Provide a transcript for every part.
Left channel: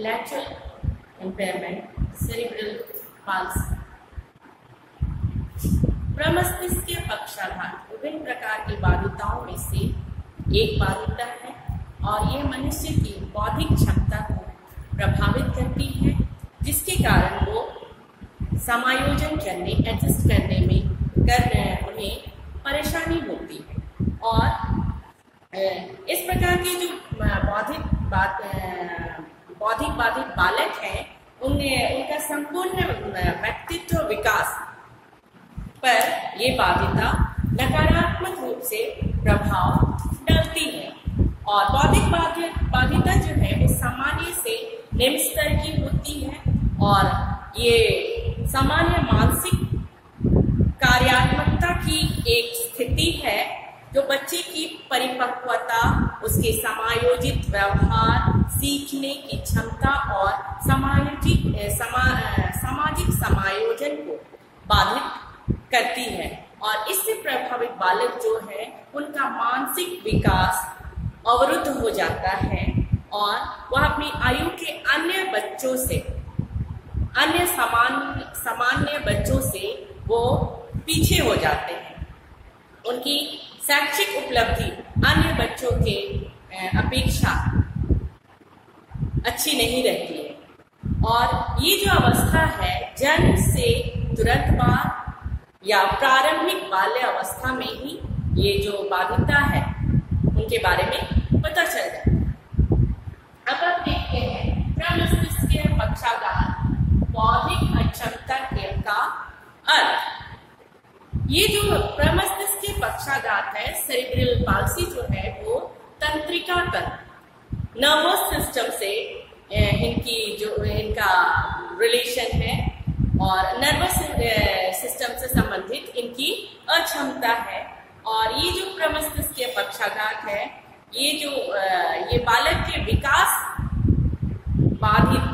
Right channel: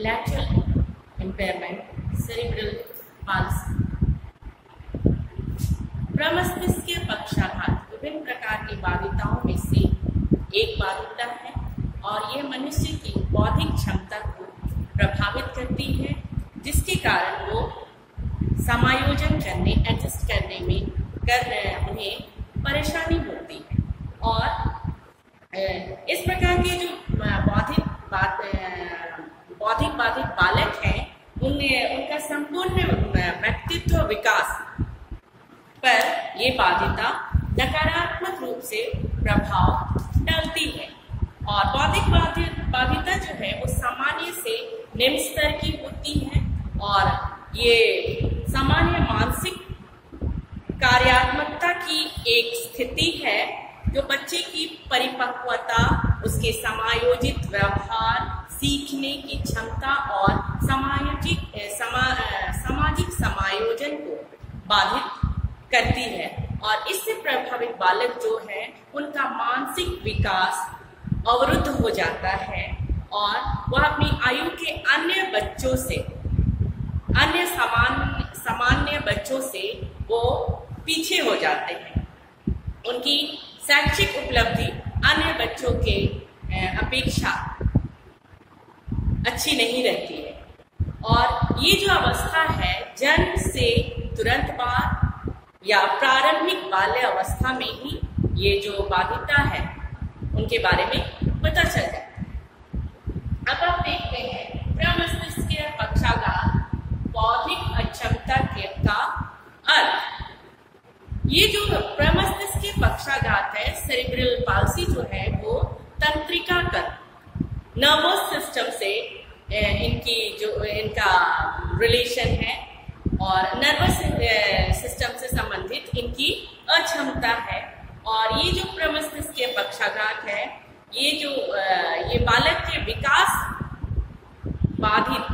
Intellectual impairment, cerebral palsy. प्रमस्तिष्कीय पक्षाघात विभिन्न प्रकार की बाधिताओं में से एक बाधिता है और यह मनुष्य की बौद्धिक क्षमता को प्रभावित करती है, जिसके कारण वो समायोजन करने, एडजस्ट करने में उन्हें परेशानी होती है। और इस प्रकार के जो बौद्धिक बाधित बालक हैं, उनका संपूर्ण व्यक्तित्व विकास पर ये बाधिता नकारात्मक रूप से प्रभाव डालती है। और बौद्धिक बाधिता जो है वो सामान्य से निम्न स्तर की होती है और ये सामान्य मानसिक कार्यात्मकता की एक स्थिति है जो बच्चे की परिपक्वता, उसके समायोजित व्यवहार, सीखने की क्षमता और सामाजिक समायोजन को बाधित करती है। और इससे प्रभावित बालक जो है उनका मानसिक विकास अवरुद्ध हो जाता है और वह अपनी आयु के अन्य सामान्य बच्चों से वो पीछे हो जाते हैं। उनकी शैक्षिक उपलब्धि अन्य बच्चों के अपेक्षा अच्छी नहीं रहती है। और ये जो अवस्था है, जन्म से तुरंत बाद या प्रारंभिक बाल्य अवस्था में ही ये जो बाधिता है उनके बारे में पता चल जाता है। अब आप देखते हैं प्रमस्तिष्कीय पक्षाघात, बौद्धिक अक्षमता का अर्थ। ये जो प्रमस्तिष्कीय पक्षाघात है, सेरिब्रल पाल्सी जो है, वो तंत्रिका नर्वस सिस्टम से इनका रिलेशन है और नर्वस सिस्टम से संबंधित इनकी अक्षमता है। और ये जो प्रमस्तिष्कीय पक्षाघात है, ये बालक के विकास बाधित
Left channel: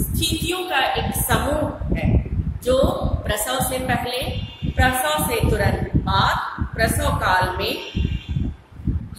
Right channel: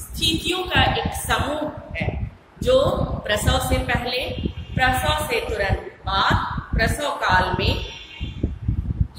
स्थितियों का एक समूह है जो प्रसव से पहले, प्रसव से तुरंत बाद, प्रसव काल में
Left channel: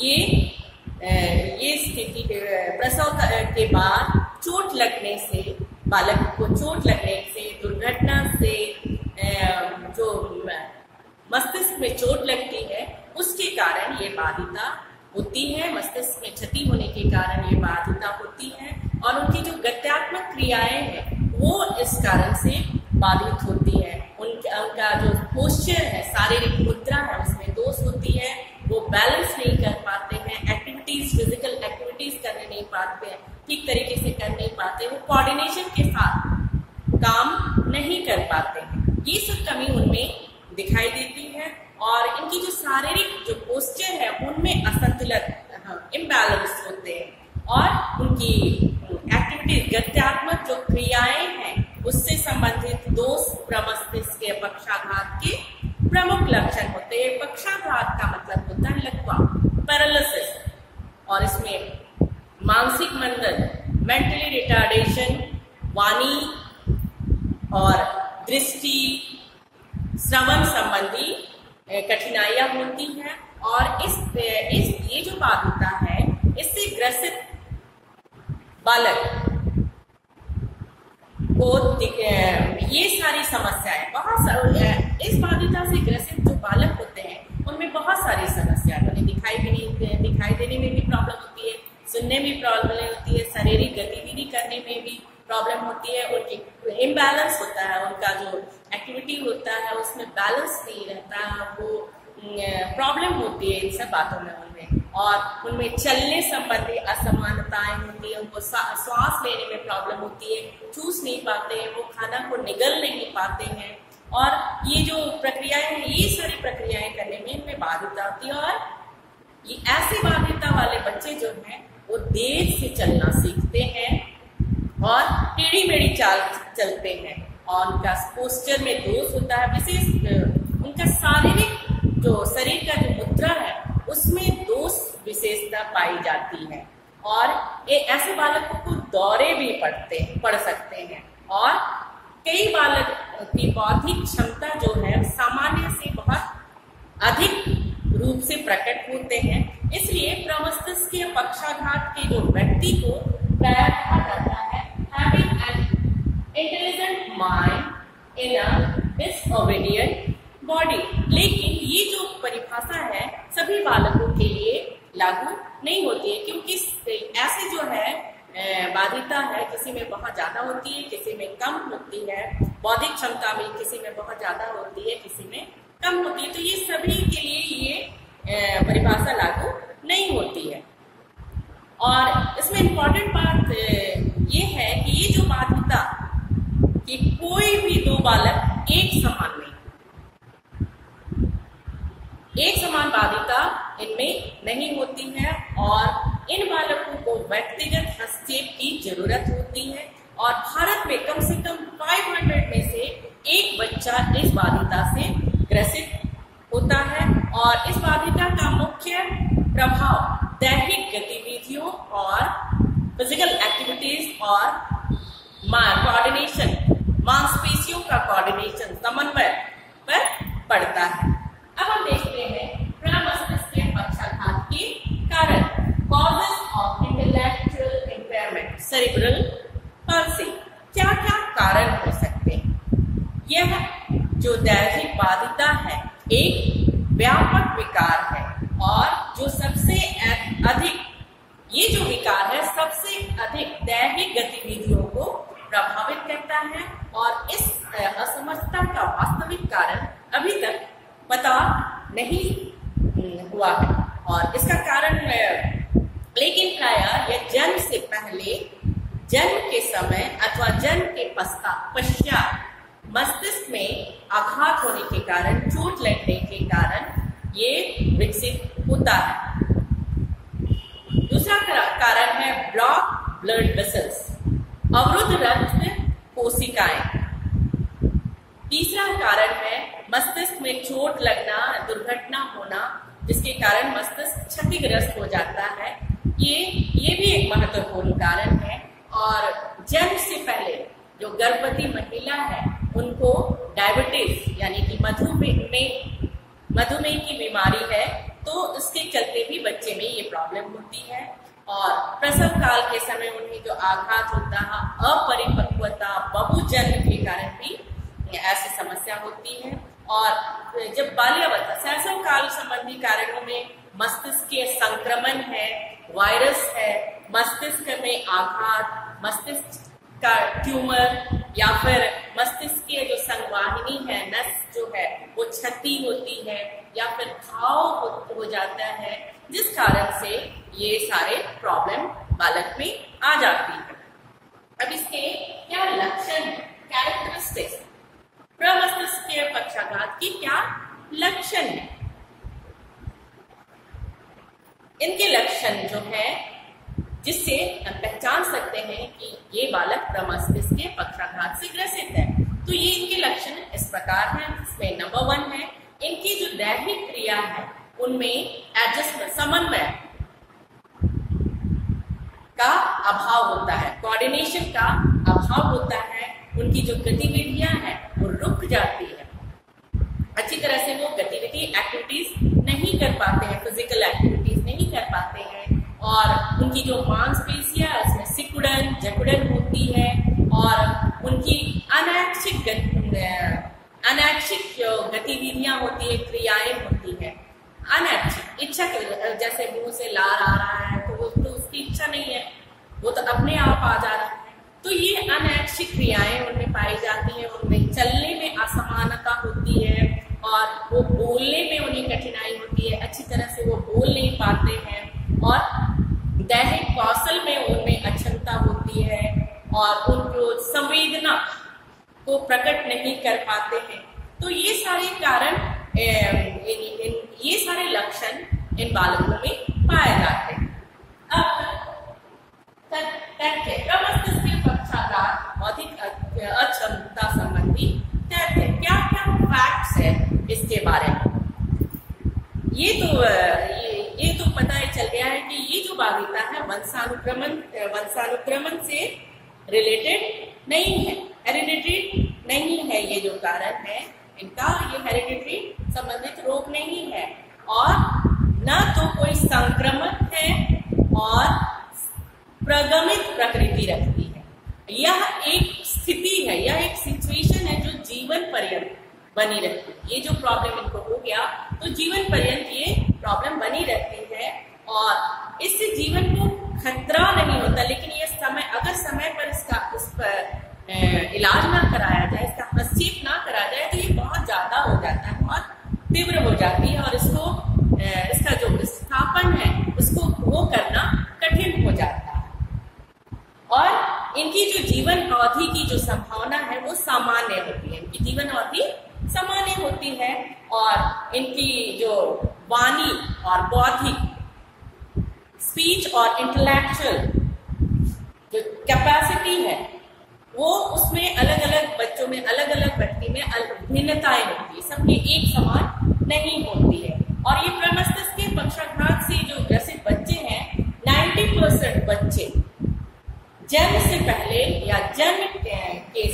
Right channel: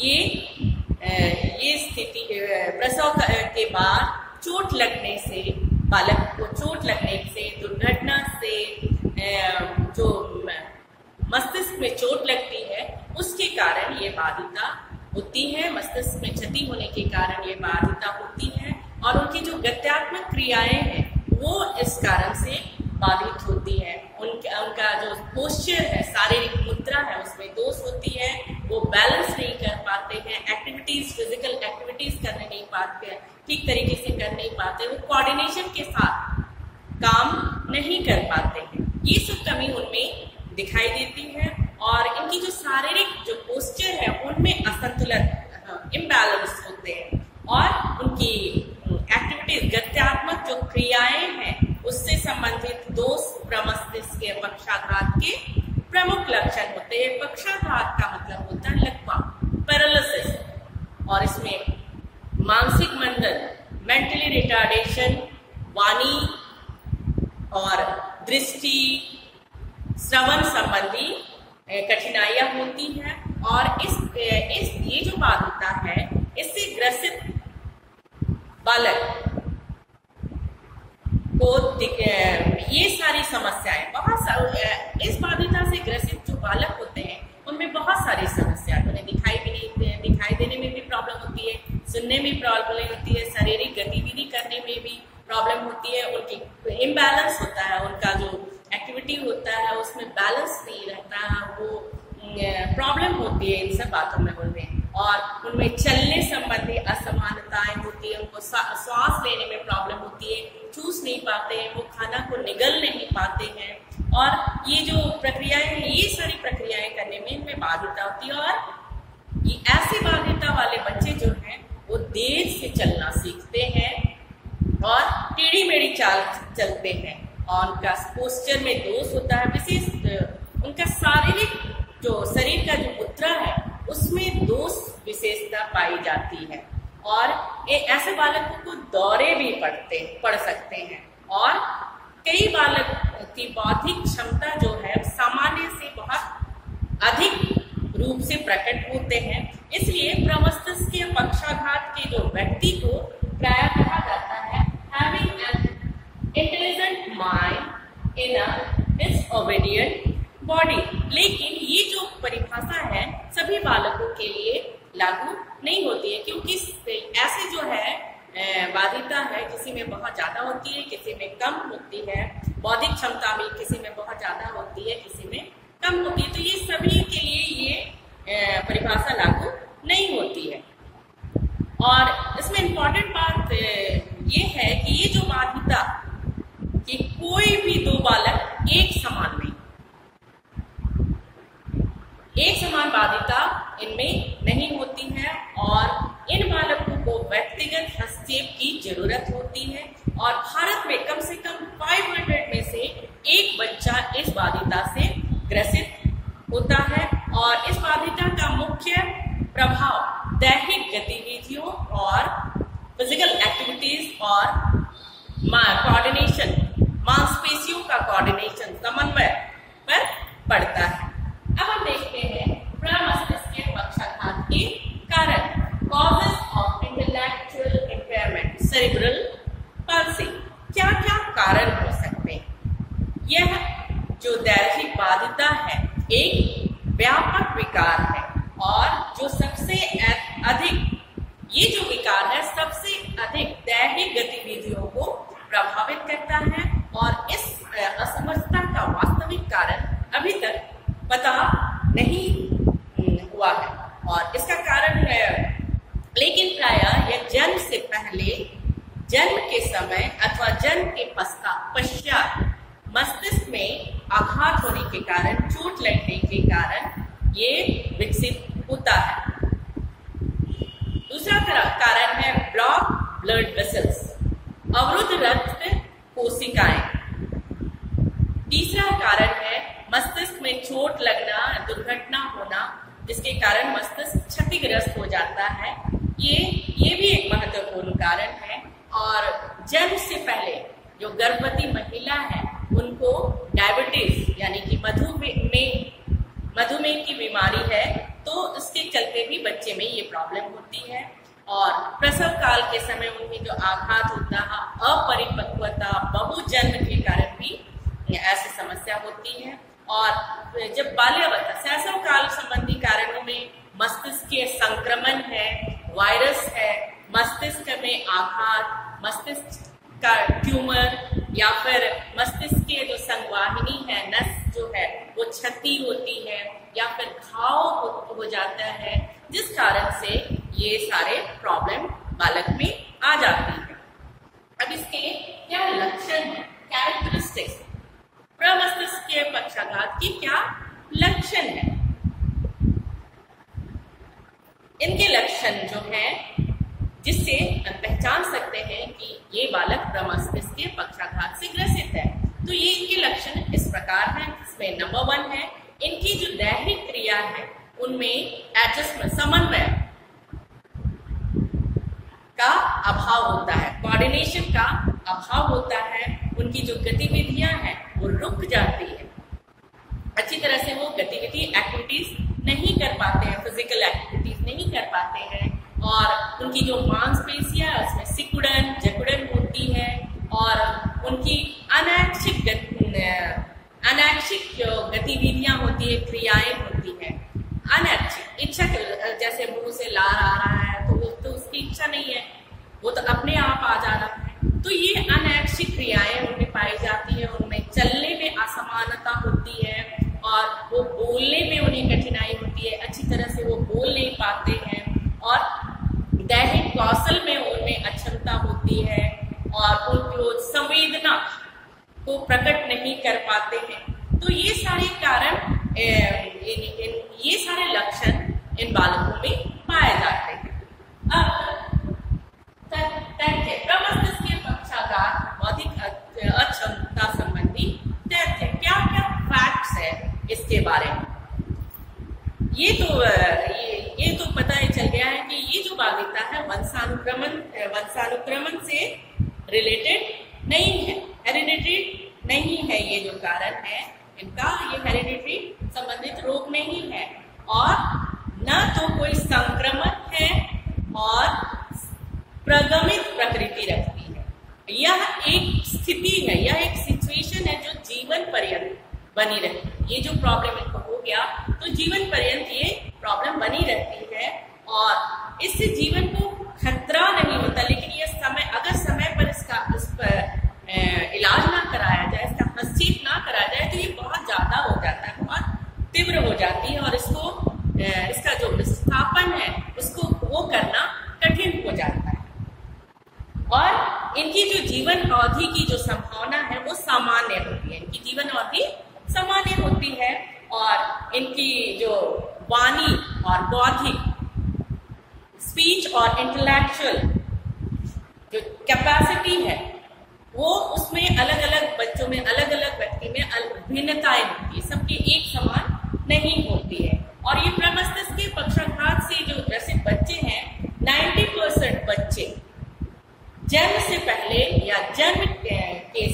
ये स्थिति, प्रसव के बाद चोट लगने से, बालक को चोट लगने से, दुर्घटना से जो मस्तिष्क में चोट लगती है उसके कारण ये बाधिता होती है। मस्तिष्क में क्षति होने के कारण ये बाधिता होती है और उनकी जो गत्यात्मक क्रियाएं हैं वो इस कारण से बाधित होती है। उनका जो पोस्चर है, शारीरिक मुद्रा है, उसमें दोष होती है। वो बैलेंस नहीं कर पाते हैं, फिजिकल एक्टिविटीज करने नहीं पाते हैं, ठीक तरीके से कर नहीं पाते, वो कोऑर्डिनेशन के साथ काम नहीं कर पाते हैं। ये सब कमी उनमें दिखाई देती है और इनकी जो शारीरिक जो पोस्चर है उनमें असंतुलन, इम्बैलेंस होते हैं और उनकी एक्टिविटीज, गत्यात्मक जो क्रियाएं हैं उससे संबंधित दोष प्रमस्तिष्कीय पक्षाघात के प्रमुख लक्षण होते हैं। पक्षाघात का मतलब होता है लकवा, पैरालिसिस, और इसमें मानसिक मंदन, मेंटली रिटार्डेशन, वाणी और दृष्टि, श्रवण संबंधी कठिनाइयां होती हैं। और ये जो बाधिता है, इससे ग्रसित बालक को ये सारी समस्याएं, इस बाधिता से ग्रसित जो बालक होते हैं उनमें बहुत सारी समस्याएं, उन्हें दिखाई देने में भी प्रॉब्लम होती है, सुनने में प्रॉब्लम होती है, शारीरिक गतिविधि करने में भी प्रॉब्लम होती है, उनकी इम्बैलेंस होता है, उनका जो एक्टिविटी होता है उसमें बैलेंस नहीं रहता है, वो प्रॉब्लम होती है इन सब बातों में उनमें। और उनमें चलने संबंधी असमानताएं होती है, उनको सांस लेने में प्रॉब्लम होती है, चूस नहीं पाते हैं, वो खाना को निगल नहीं पाते हैं। और ये जो प्रक्रियाएं हैं, ये सारी प्रक्रियाएं करने में इनमें बाधिता होती है। और ये ऐसे बाधिता वाले बच्चे जो हैं वो देर से चलना सीखते हैं और टेढ़ी मेढ़ी चाल चलते हैं और उनका पोस्चर में दोष होता है। विशेष उनका शरीर का जो मुद्रा है उसमें दोष विशेषता पाई जाती है और ऐसे बालकों को दौरे भी पड़ सकते हैं। और कई बालक की बौद्धिक क्षमता जो है सामान्य से बहुत अधिक रूप से प्रकट होते हैं। इसलिए प्रमस्तिष्कीय पक्षाघात के जो व्यक्ति को प्रायः कहा जाता है माइंड इन अ डिसओबीडिएंट बॉडी। लेकिन ये जो परिभाषा है सभी बालकों के लिए लागू नहीं होती है, क्योंकि ऐसे जो है बाधिता है, किसी में बहुत ज्यादा होती है, किसी में कम होती है। बौद्धिक क्षमता में किसी में बहुत ज्यादा होती है, किसी में कम होती है। तो ये सभी के लिए ये परिभाषा लागू नहीं होती है। और इसमें इम्पोर्टेंट बात ये है कि ये जो बाधिता कि कोई भी दो बालक एक समान नहीं, एक समान बाधिता इनमें नहीं होती है और इन बालकों को व्यक्तिगत हस्तक्षेप की जरूरत होती है। और भारत में कम से कम 500 में से एक बच्चा इस बाधिता से ग्रसित होता है। और इस बाधिता का मुख्य प्रभाव दैहिक गतिविधियों और फिजिकल एक्टिविटीज और कोऑर्डिनेशन, मांसपेशियों का कोऑर्डिनेशन, समन्वय पर पड़ता है। अब हम देखते हैं प्रमस्तिष्कीय पक्षाघात के कारण, causes of intellectual impairment cerebral palsy. क्या क्या कारण हो सकते हैं? यह जो दैहिक बाधिता है एक व्यापक विकार है और जो सबसे अधिक, ये जो विकार है सबसे अधिक दैहिक गतिविधियों को प्रभावित करता है। और इस असमर्थता का वास्तविक कारण अभी तक पता नहीं हुआ है और इसका कारण है, लेकिन प्रायः यह जन्म से पहले, जन्म के समय अथवा जन्म के पश्चात मस्तिष्क में आघात होने के कारण, चोट लगने के कारण ये विकसित होता है। दूसरा कारण है ब्लॉक ब्लड वेसल्स, अवरुद्ध रक्त कोशिकाएं। तीसरा कारण है मस्तिष्क में चोट लगना, दुर्घटना होना, जिसके कारण मस्तिष्क क्षतिग्रस्त हो जाता है। ये भी एक महत्वपूर्ण कारण है। और जन्म से पहले जो गर्भवती महिला है उनको डायबिटीज यानी कि मधुमेह की बीमारी है, तो इसके चलते भी बच्चे में ये प्रॉब्लम होती है। और प्रसव काल के समय उनमें जो आघात होता है, अपरिपक्वता, बहुजन्म के कारण भी ऐसी समस्या होती है। और जब बाल्यावस्था, शैशव काल संबंधी कारणों में मस्तिष्कीय संक्रमण है, वायरस है, मस्तिष्क में आघात, मस्तिष्क का ट्यूमर या फिर मस्तिष्क के जो संवाहिनी है, नस जो है वो क्षति होती है या फिर घाव हो जाता है, जिस कारण से ये सारे प्रॉब्लम बालक में आ जाती है। अब इसके क्या लक्षण है, कैरेक्टरिस्टिक्स, प्रमस्तिष्कीय पक्षाघात की क्या लक्षण है? इनके लक्षण जो है जिससे हम पहचान सकते हैं कि ये बालक प्रमस्तिष्कीय पक्षाघात से ग्रसित है। तो ये इनके लक्षण इस प्रकार हैं। इसमें नंबर 1 है इनकी जो दैहिक क्रिया है उनमें एडजस्टमेंट, समन्वय का अभाव होता है, कोऑर्डिनेशन का अभाव होता है। उनकी जो गतिविधियां हैं वो रुक जाती है, अच्छी तरह से वो गतिविधि एक्टिविटीज नहीं कर पाते हैं, फिजिकल एक्टिविटीज नहीं कर पाते हैं। और उनकी जो मांसपेशियां है उसमें सिकुड़न, जकुड़न होती है और उनकी अनैच्छिक गतिविधियां होती है, क्रियाएं होती है। अनैच्छिक इच्छा, जैसे मुंह से लार आ रहा है तो वो तो उसकी इच्छा नहीं है, वो तो अपने आप आ जा रहा है। तो ये अनैच्छिक क्रियाएं उनमें पाई जाती है। उनमें चलने में असमानता होती है और वो बोलने में उन्हें कठिनाई होती है, अच्छी तरह से वो बोल नहीं पाते हैं। और दैहिक कौशल में उनमें अक्षमता होती है और उनको संवेदना को प्रकट नहीं कर पाते हैं। तो ये सारे कारण, ये सारे लक्षण इन बालकों में पाए जाते हैं। अब प्रमस्तिष्कीय पक्षाघात बौद्धिक अक्षमता संबंधी तथ्य, क्या क्या फैक्ट्स है इसके बारे में? ये तो पता चल गया है कि ये जो बाधिता है वंशानुक्रमण से रिलेटेड नहीं है, हेरिडिटरी नहीं है। ये जो कारण है इनका, ये हेरिडिटरी संबंधित रोग नहीं है और न तो कोई संक्रमण है और प्रगमित प्रकृति रखती है। यह एक स्थिति है, यह एक सिचुएशन है जो जीवन पर्यंत बनी रहती है। ये जो प्रॉब्लम इनको हो गया तो जीवन पर्यंत ये प्रॉब्लम बनी रहती है और इससे जीवन को खतरा नहीं होता, लेकिन ये अगर समय पर इस पर इलाज ना कराया जाए, इसका हस्तक्षेप ना कराया जाए तो ये बहुत ज्यादा हो जाता है, बहुत तीव्र हो जाती है और इसका जो विस्थापन है उसको वो करना कठिन हो जाता है और इनकी जो जीवन अवधि की जो संभावना है वो सामान्य होती है। इनकी जीवन अवधि सामान्य होती है और इनकी जो वाणी और बौद्धिक स्पीच और इंटेलेक्चुअल जो कैपेसिटी है वो उसमें अलग अलग बच्चों में, अलग अलग व्यक्ति में भिन्नताएं होती है, सबकी एक समान नहीं होती है। और ये प्रमस्तिष्क के पक्षाघात से जो ग्रसित बच्चे हैं, 90% बच्चे जन्म से पहले या जन्म के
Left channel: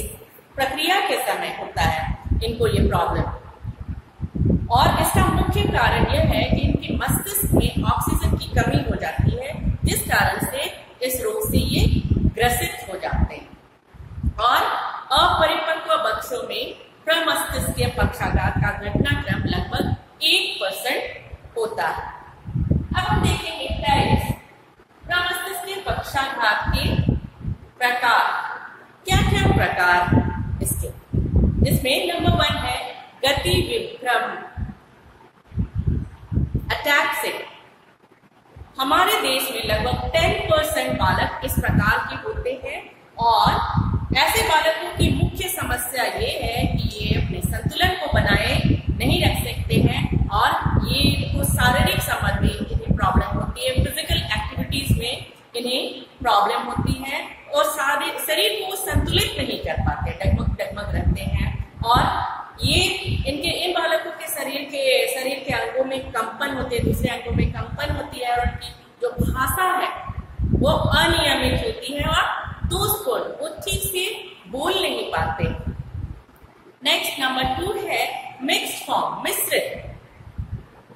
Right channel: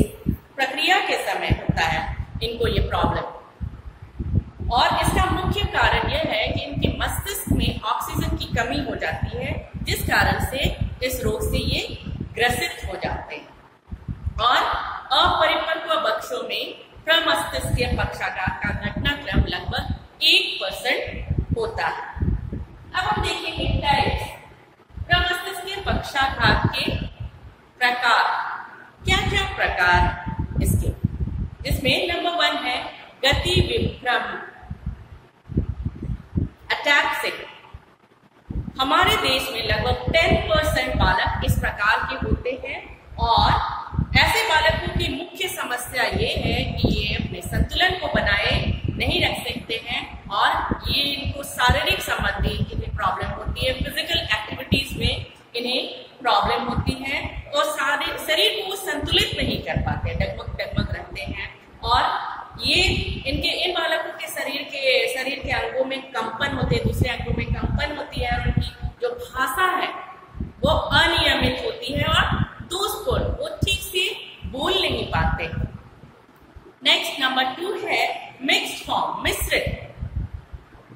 प्रक्रिया के समय होता है इनको ये प्रॉब्लम। और इसका मुख्य कारण यह है कि इनके मस्तिष्क में ऑक्सीजन की कमी हो जाती है, जिस कारण से इस रोग से ये ग्रसित हो जाते हैं। और अपरिपक्व बच्चों में प्रमस्तिष्कीय पक्षाघात का घटनाक्रम लगभग 1% होता है। अब हम देखेंगे टाइप्स, प्रमस्तिष्कीय पक्षाघात के प्रकार। क्या क्या प्रकार इसके, जिसमें नंबर 1 है गति विभ्रम अटैक्सिक। हमारे देश में लगभग 10% बालक इस प्रकार के होते हैं और ऐसे बालकों की मुख्य समस्या ये है कि ये अपने संतुलन को बनाए नहीं रख सकते हैं और ये इनको शारीरिक संबंधी इन्हें प्रॉब्लम होती है, फिजिकल एक्टिविटीज में इन्हें प्रॉब्लम होती है और शरीर को संतुलित नहीं कर पाते, डगमग डगमग रहते हैं और ये इन बालकों के शरीर के अंगों में कंपन होते हैं, दूसरे अंगों में कंपन होती है और उनकी जो भाषा है वो अनियमित होती है और दोस्तों वो ठीक से बोल नहीं पाते। नेक्स्ट नंबर 2 है मिक्स्ड फॉर्म, मिश्रित।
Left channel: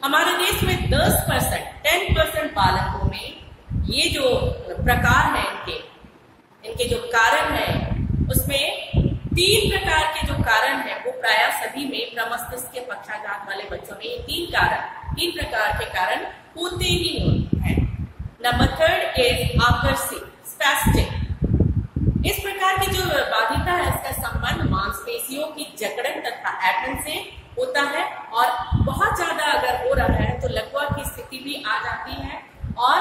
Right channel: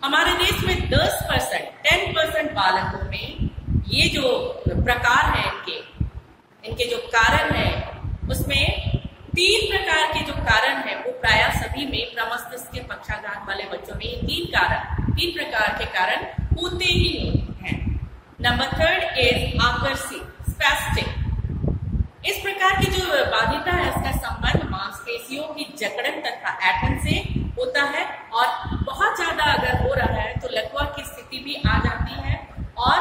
हमारे देश में 10% बालकों में ये जो प्रकार है इनके जो कारण है उसमें 3 प्रकार के जो कारण है वो प्राय सभी में प्रमस्तिष्क के पक्षाघात वाले बच्चों में ये 3 प्रकार के कारण होते ही होते हैं। नंबर 3 इज आकर्षित, स्पैस्टिक। इस प्रकार की जो बाधिता है उसका संबंध मांसपेशियों की जकड़न तथा ऐंठन से होता है और बहुत ज्यादा अगर हो रहा है तो लकवा की स्थिति भी आ जाती है और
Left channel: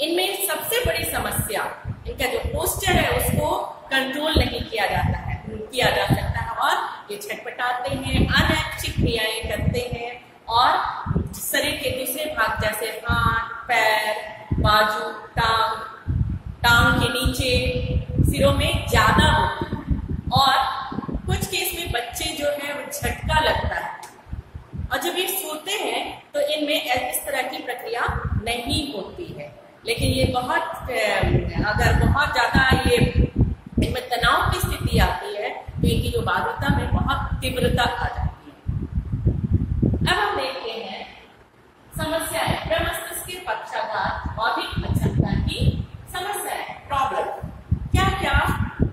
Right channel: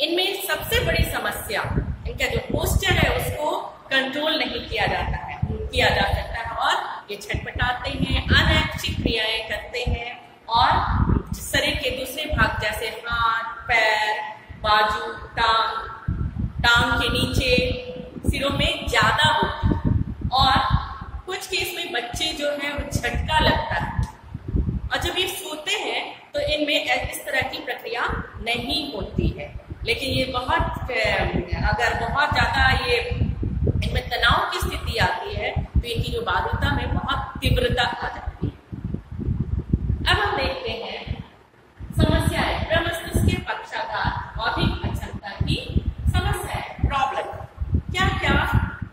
इनमें सबसे बड़ी समस्या इनका जो पोस्चर है उसको कंट्रोल नहीं किया जा सकता है और ये छटपटाते हैं, अनैच्छिक क्रियाएं करते हैं और शरीर के दूसरे भाग जैसे हाथ, पैर, बाजू, टांग के नीचे, सिरों में ज्यादा होती है और कुछ केस में बच्चे जो है वो झटका लगता है और जब ये सोते हैं तो इनमें इस तरह की प्रक्रिया नहीं होती है। लेकिन ये अगर बहुत ज्यादा ये इनमें तनाव की स्थिति आती है तो इनकी जो बाधिता में बहुत तीव्रता आ जाती है। अब हम देखते हैं समस्याएं, प्रमस्तिष्क के पक्षाघात, बौद्धिक अक्षमता की समस्या है, प्रॉब्लम। क्या क्या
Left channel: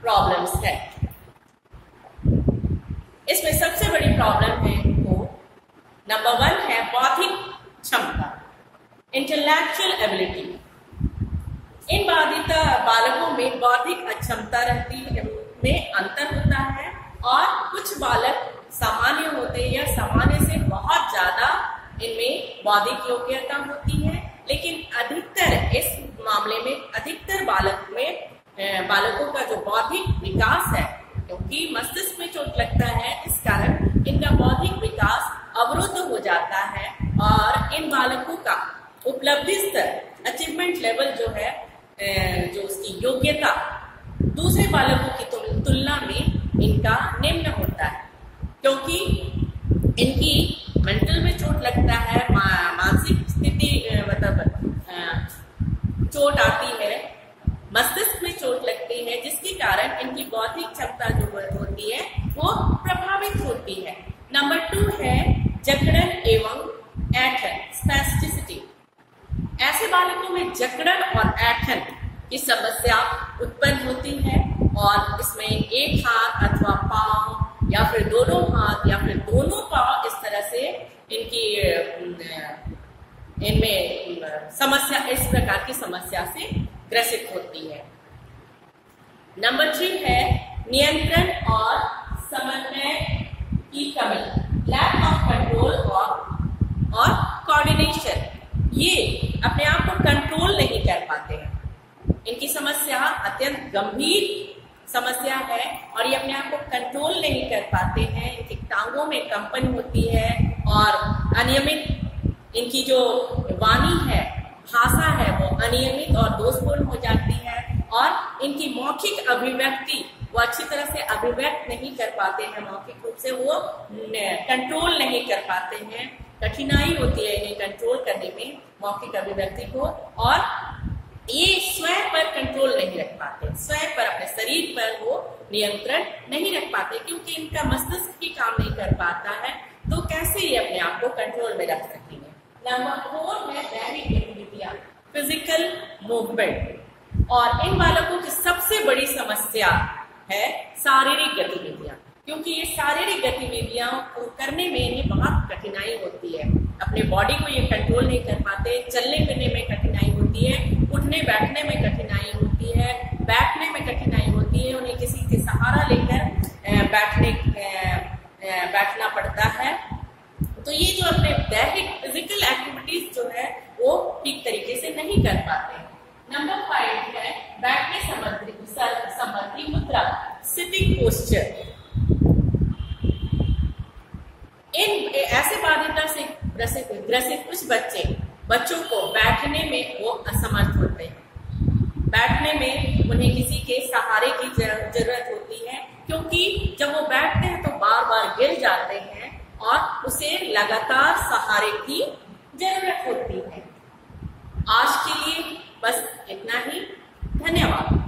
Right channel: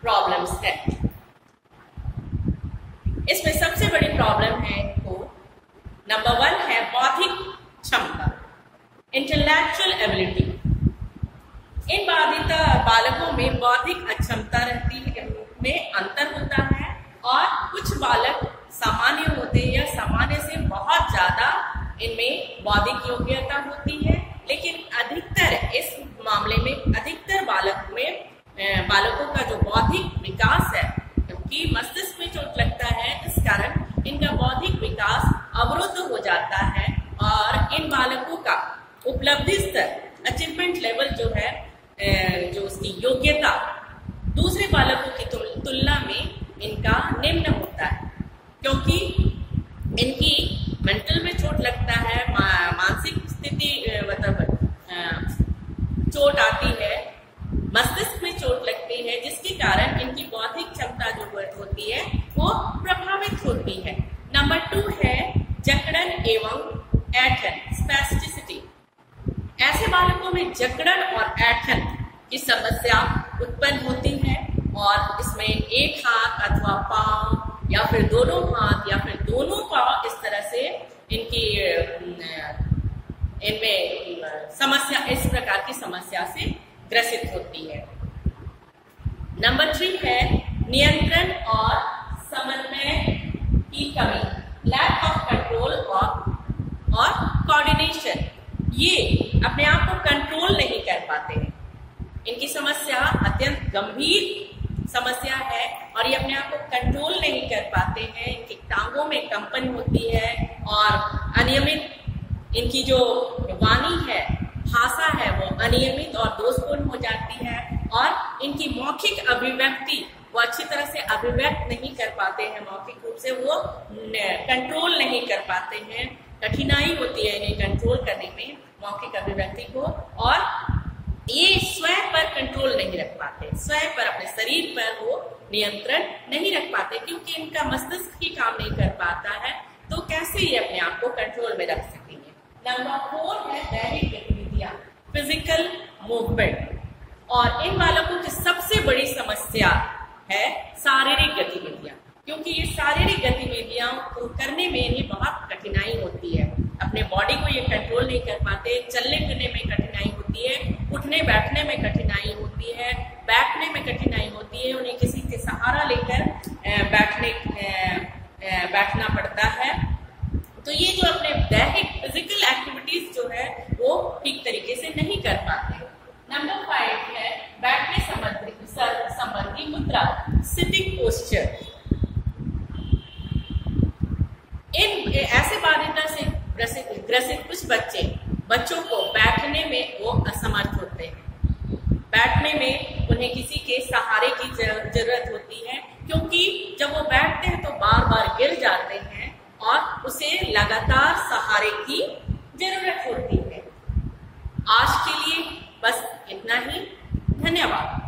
प्रॉब्लम्स है इसमें? सबसे बड़ी प्रॉब्लम है इनको नंबर 1 है बौद्धिक क्षमता, इंटेलेक्चुअल एबिलिटी। इन बाधिता बालकों में बौद्धिक अक्षमता रहती है, में अंतर होता है और कुछ बालक सामान्य होते हैं या सामान्य से बहुत ज्यादा इनमें बौद्धिक योग्यता होती है, लेकिन अधिकतर इस मामले में अधिकतर बालकों का जो बौद्धिक विकास है, क्योंकि मस्तिष्क में चोट लगता है इस कारण इनका बौद्धिक विकास अवरुद्ध हो जाता है और इन बालकों का उपलब्धि स्तर, अचीवमेंट लेवल जो है, जो उसकी योग्यता दूसरे बालकों की तुलना में इनका निम्न होता है, क्योंकि इनकी मेंटल में चोट लगता है, मानसिक स्थिति मतलब चोट आती है, मस्तिष्क में चोट लगती है, जिसके कारण इनकी बौद्धिक क्षमता जो होती है वो प्रभावित होती है। नंबर 2 है जकड़न एवं ऐंठन, स्पैस्टिसिटी। ऐसे बालकों में जकड़न और ऐंठन की समस्या उत्पन्न होती है और इसमें एक हाथ अथवा पांव या फिर दोनों हाथ या फिर दोनों पांव इस तरह से इनमें समस्या, इस प्रकार की समस्या से ग्रसित होती है। नंबर 3 है नियंत्रण और समन्वय की कमी, लैक ऑफ कंट्रोल और कोऑर्डिनेशन। ये अपने आप को कंट्रोल नहीं कर पाते हैं। इनकी समस्या अत्यंत गंभीर समस्या है और ये अपने आप को कंट्रोल नहीं कर पाते हैं। इनकी टांगों में कंपन होती है और अनियमित इनकी जो वाणी है, भाषा है, वो अनियमित और दोषपूर्ण हो जाती है और इनकी मौखिक अभिव्यक्ति वो अच्छी तरह से अभिव्यक्त नहीं कर पाते हैं। मौखिक रूप से वो कंट्रोल नहीं कर पाते हैं। कठिनाई होती है इन्हें कंट्रोल करने में मौखिक अभिव्यक्ति को, और ये स्वयं पर कंट्रोल नहीं रख पाते, स्वयं पर, अपने शरीर पर वो नियंत्रण नहीं रख पाते, क्योंकि इनका मस्तिष्क ही काम नहीं कर पाता है। तो कैसे ये अपने आप को कंट्रोल में रख सकेंगे। नंबर 4 है दैहिक गतिविधियां, फिजिकल मूवमेंट। और इन बालकों की सबसे बड़ी समस्या है शारीरिक गतिविधियां, क्योंकि ये शारीरिक गतिविधियां को करने में इन्हें बहुत कठिनाई होती है। अपने बॉडी को ये कंट्रोल नहीं कर पाते, चलने फिरने में कठिनाई होती है, उठने बैठने में कठिनाई होती है, बैठने में कठिनाई होती है, उन्हें किसी के सहारा लेकर बैठना पड़ता है। तो ये जो अपने दैहिक फिजिकल एक्टिविटीज जो है वो ठीक तरीके से नहीं कर पाते। नंबर 5 है बैठने संबंधी मुद्रा, सिटिंग पोस्चर। इन ऐसे बाधिता से ग्रसित कुछ बच्चों को बैठने में वो असमर्थ होते हैं। बैठने में उन्हें किसी के सहारे की जरूरत होती है, क्योंकि जब वो बैठते हैं तो बार बार गिर जाते हैं और उसे लगातार सहारे की जरूरत होती है। आज के लिए बस इतना ही। धन्यवाद।